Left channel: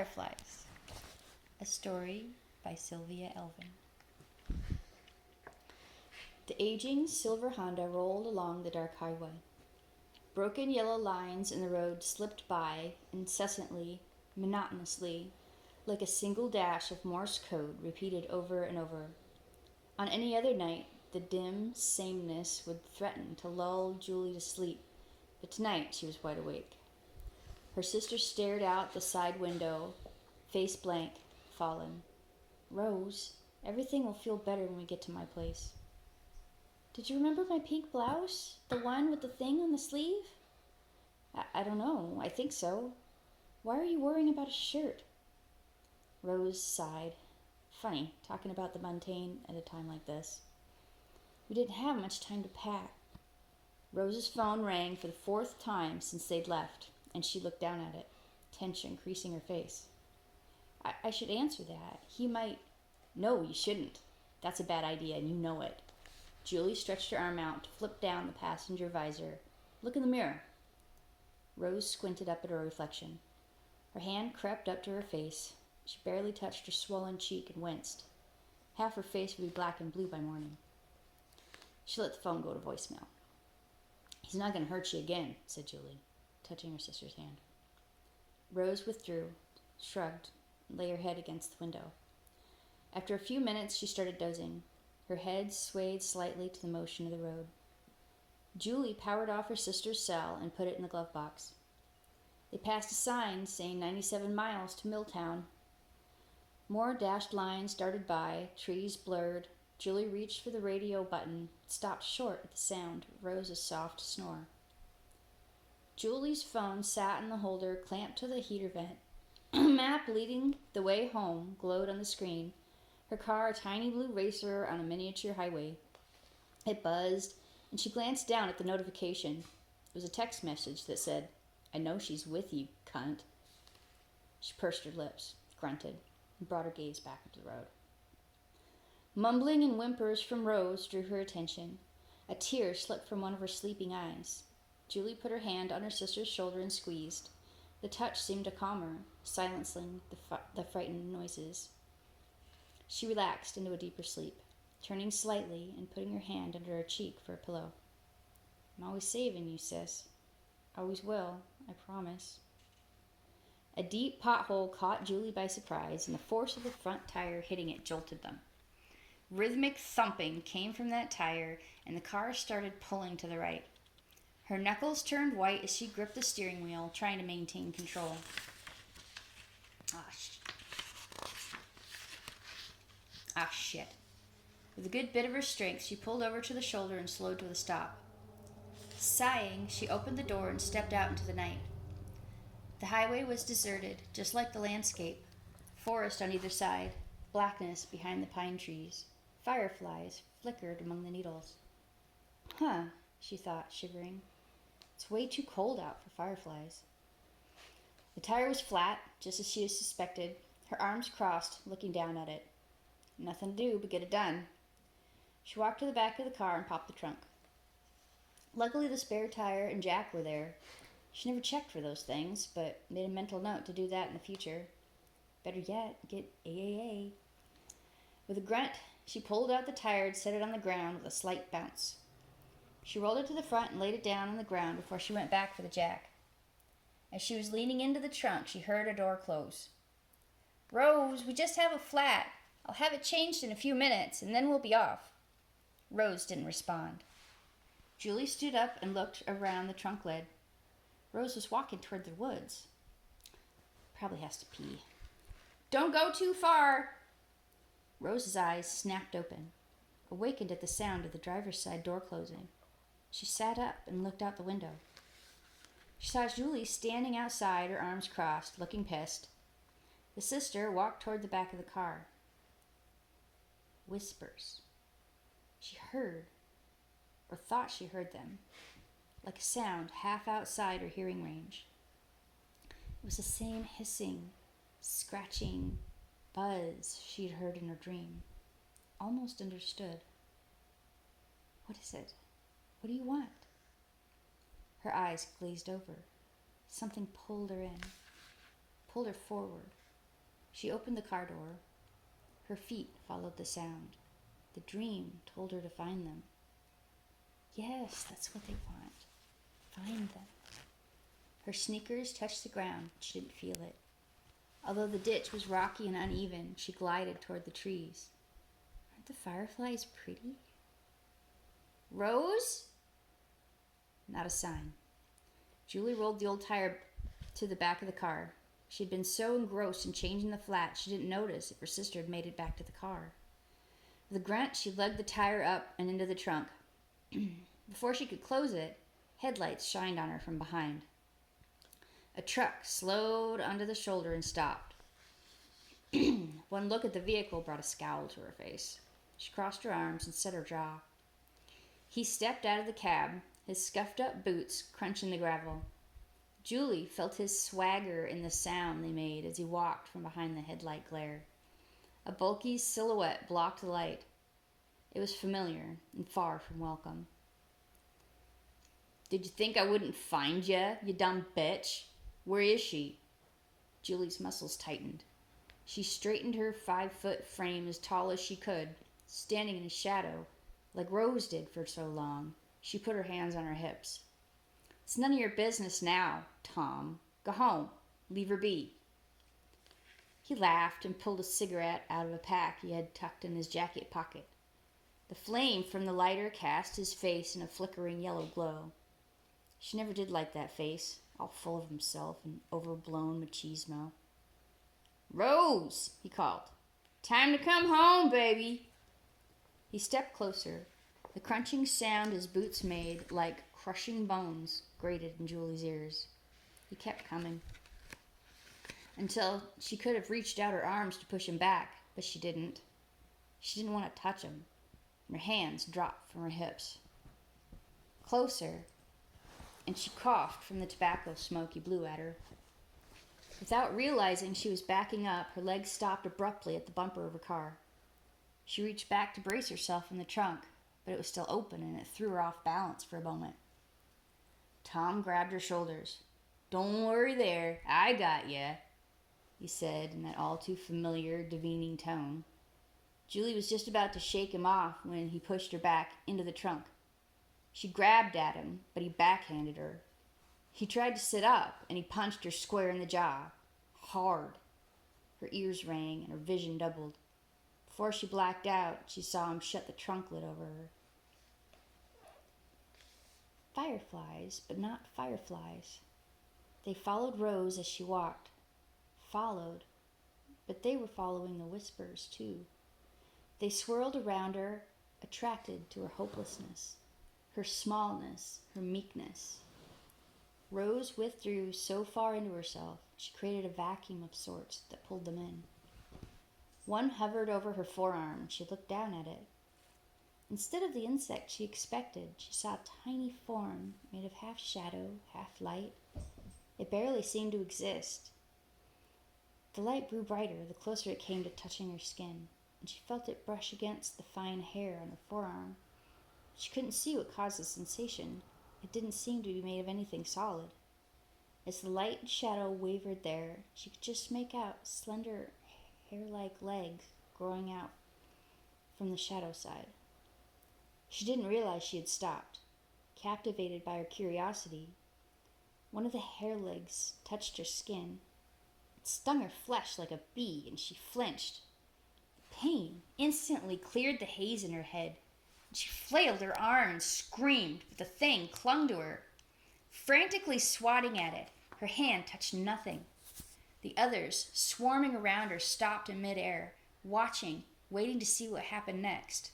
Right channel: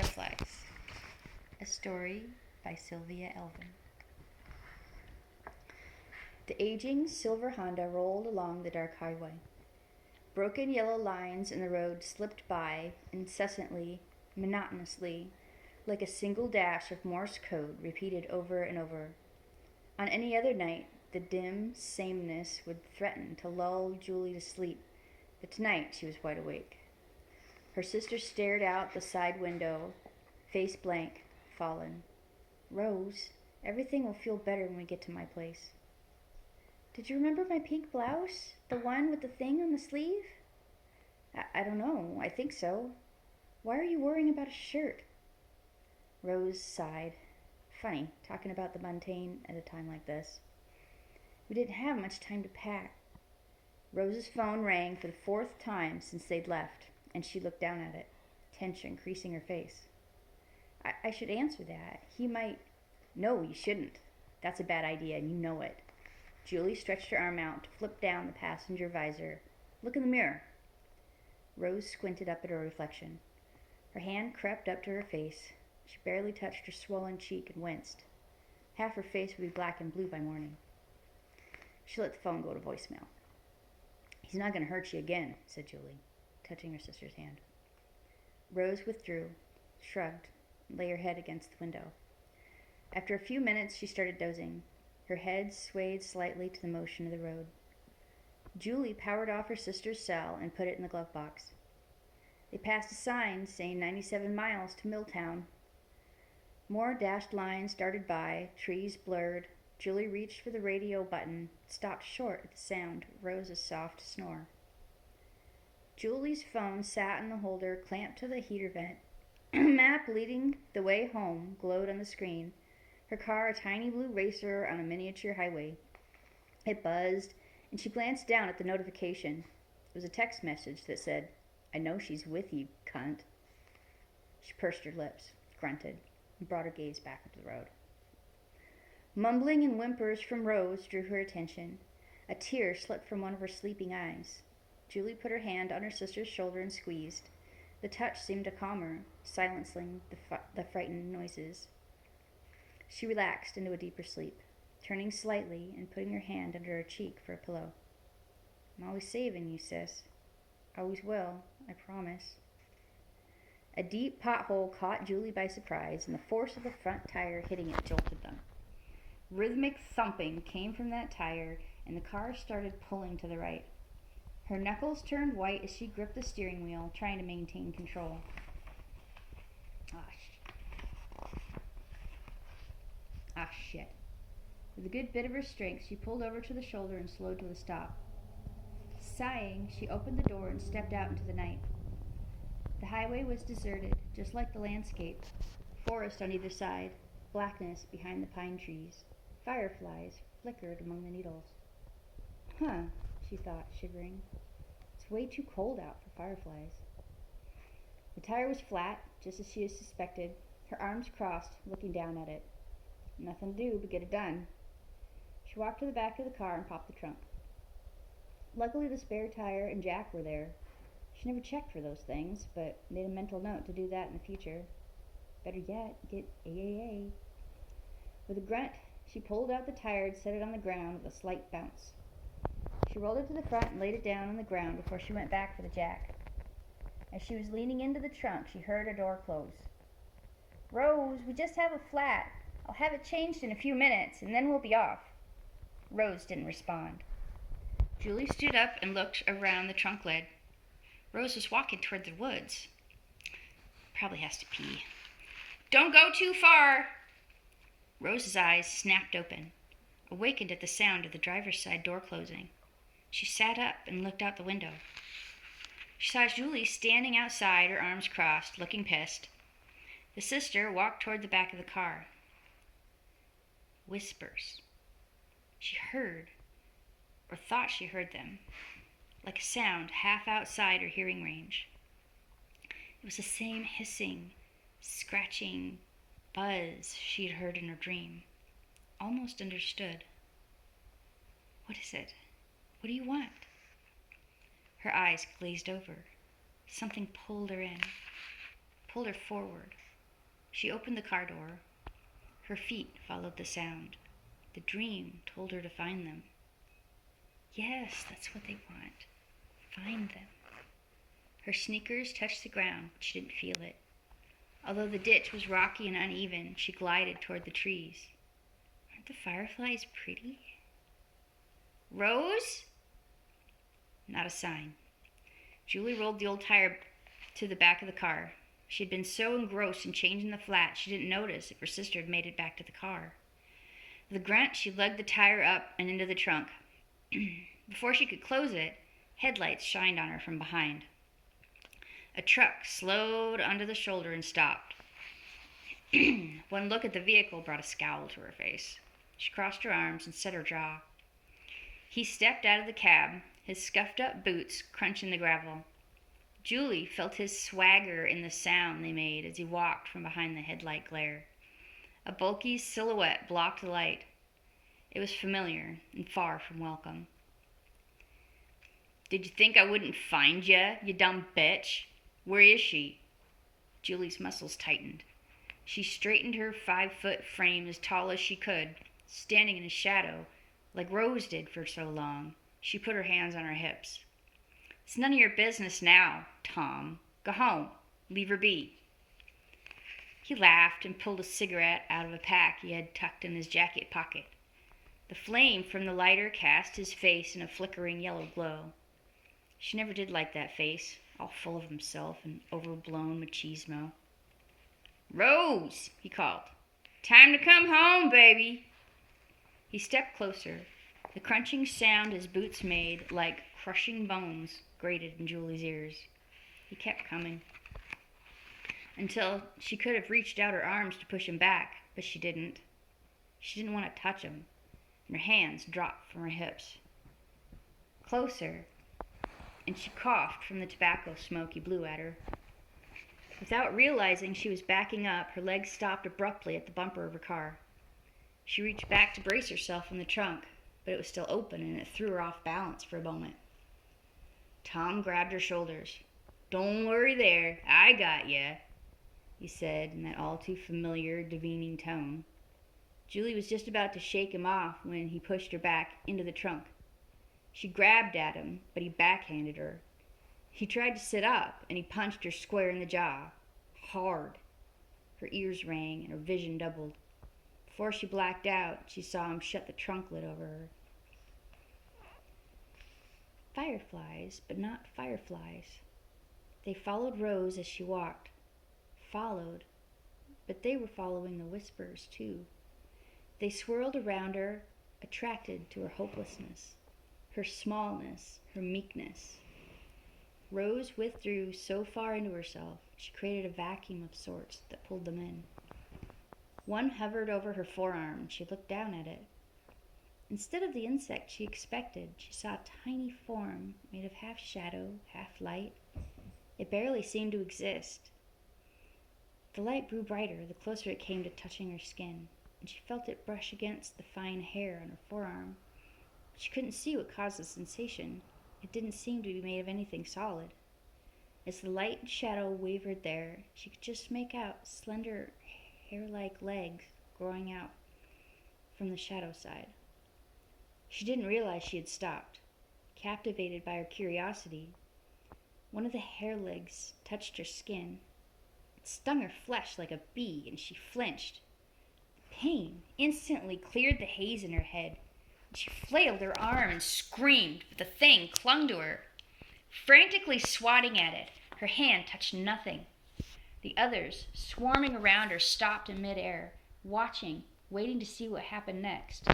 Fireflies, a story by Sylvia Elvin. The aging silver Honda rolled along the dark highway. Broken yellow lines in the road slipped by incessantly, monotonously, like a single dash of Morse code repeated over and over. On any other night, the dim sameness would threaten to lull Julie to sleep, but tonight she was wide awake. Her sister stared out the side window, face blank, fallen. Rose, everything will feel better when we get to my place. Did you remember my pink blouse? The one with the thing on the sleeve? I don't know. I think so. Why are you worrying about a shirt? Rose sighed. Funny, talking about the mundane at a time like this. We didn't have much time to pack. Rose's phone rang for the fourth time since they'd left, and she looked down at it, tension creasing her face. I should answer that. He might... No, you shouldn't. That's a bad idea, and you know it. Julie stretched her arm out to flip down the passenger visor. Look in the mirror. Rose squinted up at her reflection. Her hand crept up to her face. She barely touched her swollen cheek and winced. Half her face would be black and blue by morning. She let the phone go to voicemail. He's not going to hurt you again, said Julie, touching her sister's hand. Rose withdrew, shrugged, and lay her head against the window. After a few minutes, she started dozing. Her head swayed slightly to the motion of the road. Julie powered off her sister's cell and put it in the glove box. They passed a sign saying 97 miles to Milltown. More dashed lines darted by, trees blurred. Julie reached for the radio button, stopped short at the sound of Rose's soft snore. Julie's phone sat in the holder, clamped to the heater vent. A map leading the way home glowed on the screen. Her car a tiny blue racer on a miniature highway. It buzzed, and she glanced down at the notification. It was a text message that said, I know she's with you, cunt. She pursed her lips, grunted, and brought her gaze back up to the road. Mumbling and whimpers from Rose drew her attention. A tear slipped from one of her sleeping eyes. Julie put her hand on her sister's shoulder and squeezed. The touch seemed to calm her, silencing the frightened noises. She relaxed into a deeper sleep, turning slightly and putting her hand under her cheek for a pillow. I'm always saving you, sis. Always will, I promise. A deep pothole caught Julie by surprise, and the force of the front tire hitting it jolted them. Rhythmic thumping came from that tire, and the car started pulling to the right. Her knuckles turned white as she gripped the steering wheel, trying to maintain control. Shit. With a good bit of her strength, she pulled over to the shoulder and slowed to a stop. Sighing, she opened the door and stepped out into the night. The highway was deserted, just like the landscape. Forest on either side, blackness behind the pine trees. Fireflies flickered among the needles. Huh, she thought, shivering. It's way too cold out for fireflies. The tire was flat, just as she had suspected, her arms crossed, looking down at it. Nothing to do but get it done. She walked to the back of the car and popped the trunk. Luckily, the spare tire and jack were there. She never checked for those things, but made a mental note to do that in the future. Better yet, get AAA. With a grunt, she pulled out the tire and set it on the ground with a slight bounce. She rolled it to the front and laid it down on the ground before she went back for the jack. As she was leaning into the trunk, she heard a door close. Rose, we just have a flat. I'll have it changed in a few minutes, and then we'll be off. Rose didn't respond. Julie stood up and looked around the trunk lid. Rose was walking toward the woods. Probably has to pee. Don't go too far! Rose's eyes snapped open, awakened at the sound of the driver's side door closing. She sat up and looked out the window. She saw Julie standing outside, her arms crossed, looking pissed. The sister walked toward the back of the car. Whispers. She heard, or thought she heard them, like a sound half outside her hearing range. It was the same hissing, scratching buzz she'd heard in her dream. Almost understood. What is it? What do you want? Her eyes glazed over. Something pulled her in, pulled her forward, She opened the car door. Her feet followed the sound. The dream told her to find them. Yes, that's what they want. Find them. Her sneakers touched the ground, but she didn't feel it. Although the ditch was rocky and uneven, she glided toward the trees. Aren't the fireflies pretty? Rose? Not a sign. Julie rolled the old tire to the back of the car. She had been so engrossed in changing the flat, she didn't notice if her sister had made it back to the car. With a grunt, she lugged the tire up and into the trunk. Before she could close it, headlights shined on her from behind. A truck slowed onto the shoulder and stopped. One look at the vehicle brought a scowl to her face. She crossed her arms and set her jaw. He stepped out of the cab, his scuffed-up boots crunching the gravel. Julie felt his swagger in the sound they made as he walked from behind the headlight glare. A bulky silhouette blocked the light. It was familiar and far from welcome. Did you think I wouldn't find you dumb bitch? Where is she? Julie's muscles tightened. She straightened her 5-foot frame as tall as she could, standing in a shadow, like Rose did for so long. She put her hands on her hips. It's none of your business now, Tom. Go home. Leave her be. He laughed and pulled a cigarette out of a pack he had tucked in his jacket pocket. The flame from the lighter cast his face in a flickering yellow glow. She never did like that face, all full of himself and overblown machismo. Rose, he called. Time to come home, baby. He stepped closer. The crunching sound his boots made, like crushing bones, grated in Julie's ears. He kept coming. Until she could have reached out her arms to push him back, but she didn't. She didn't want to touch him, and her hands dropped from her hips. Closer, and she coughed from the tobacco smoke he blew at her. Without realizing she was backing up, her legs stopped abruptly at the bumper of her car. She reached back to brace herself from the trunk, but it was still open and it threw her off balance for a moment. Tom grabbed her shoulders. Don't worry there, I got ya, he said in that all too familiar, demeaning tone. Julie was just about to shake him off when he pushed her back into the trunk. She grabbed at him, but he backhanded her. He tried to sit up, and he punched her square in the jaw. Hard. Her ears rang, and her vision doubled. Before she blacked out, she saw him shut the trunk lid over her. Fireflies, but not fireflies. They followed Rose as she walked. Followed, but they were following the whispers, too. They swirled around her, attracted to her hopelessness, her smallness, her meekness. Rose withdrew so far into herself, she created a vacuum of sorts that pulled them in. One hovered over her forearm, and she looked down at it. Instead of the insect she expected, she saw a tiny form made of half shadow, half light. It barely seemed to exist. The light grew brighter the closer it came to touching her skin, and she felt it brush against the fine hair on her forearm. She couldn't see what caused the sensation. It didn't seem to be made of anything solid. As the light and shadow wavered there, she could just make out slender, hair-like legs growing out from the shadow side. She didn't realize she had stopped. Captivated by her curiosity, one of the hair legs touched her skin. It stung her flesh like a bee, and she flinched. The pain instantly cleared the haze in her head. She flailed her arm and screamed, but the thing clung to her. Frantically swatting at it, her hand touched nothing. The others, swarming around her, stopped in midair, watching, waiting to see what happened next.